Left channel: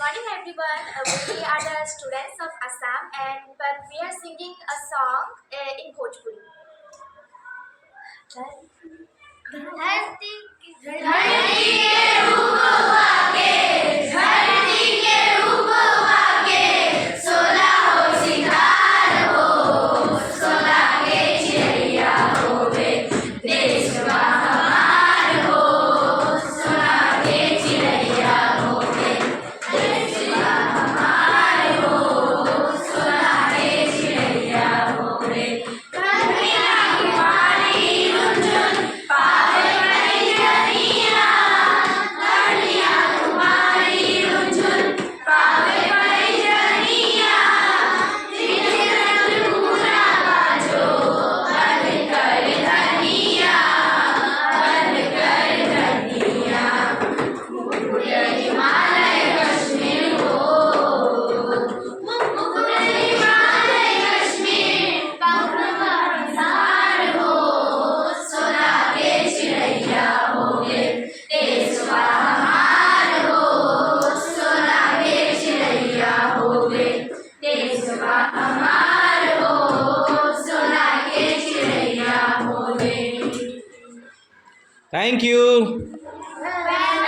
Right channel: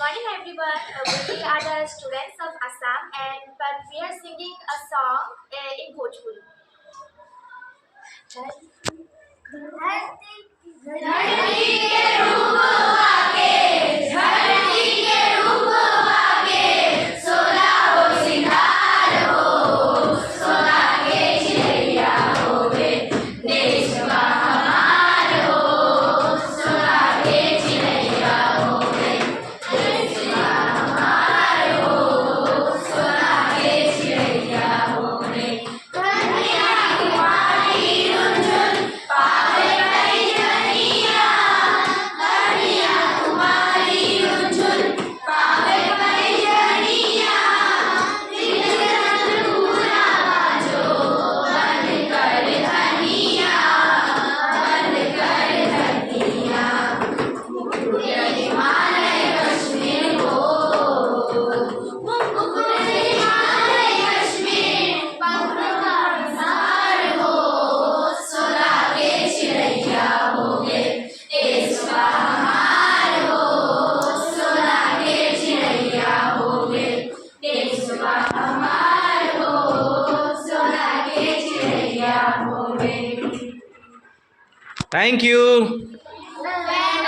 morning, everyone. We are the students of Assam, and but we are singing a song in Bhojpuri. Thank you.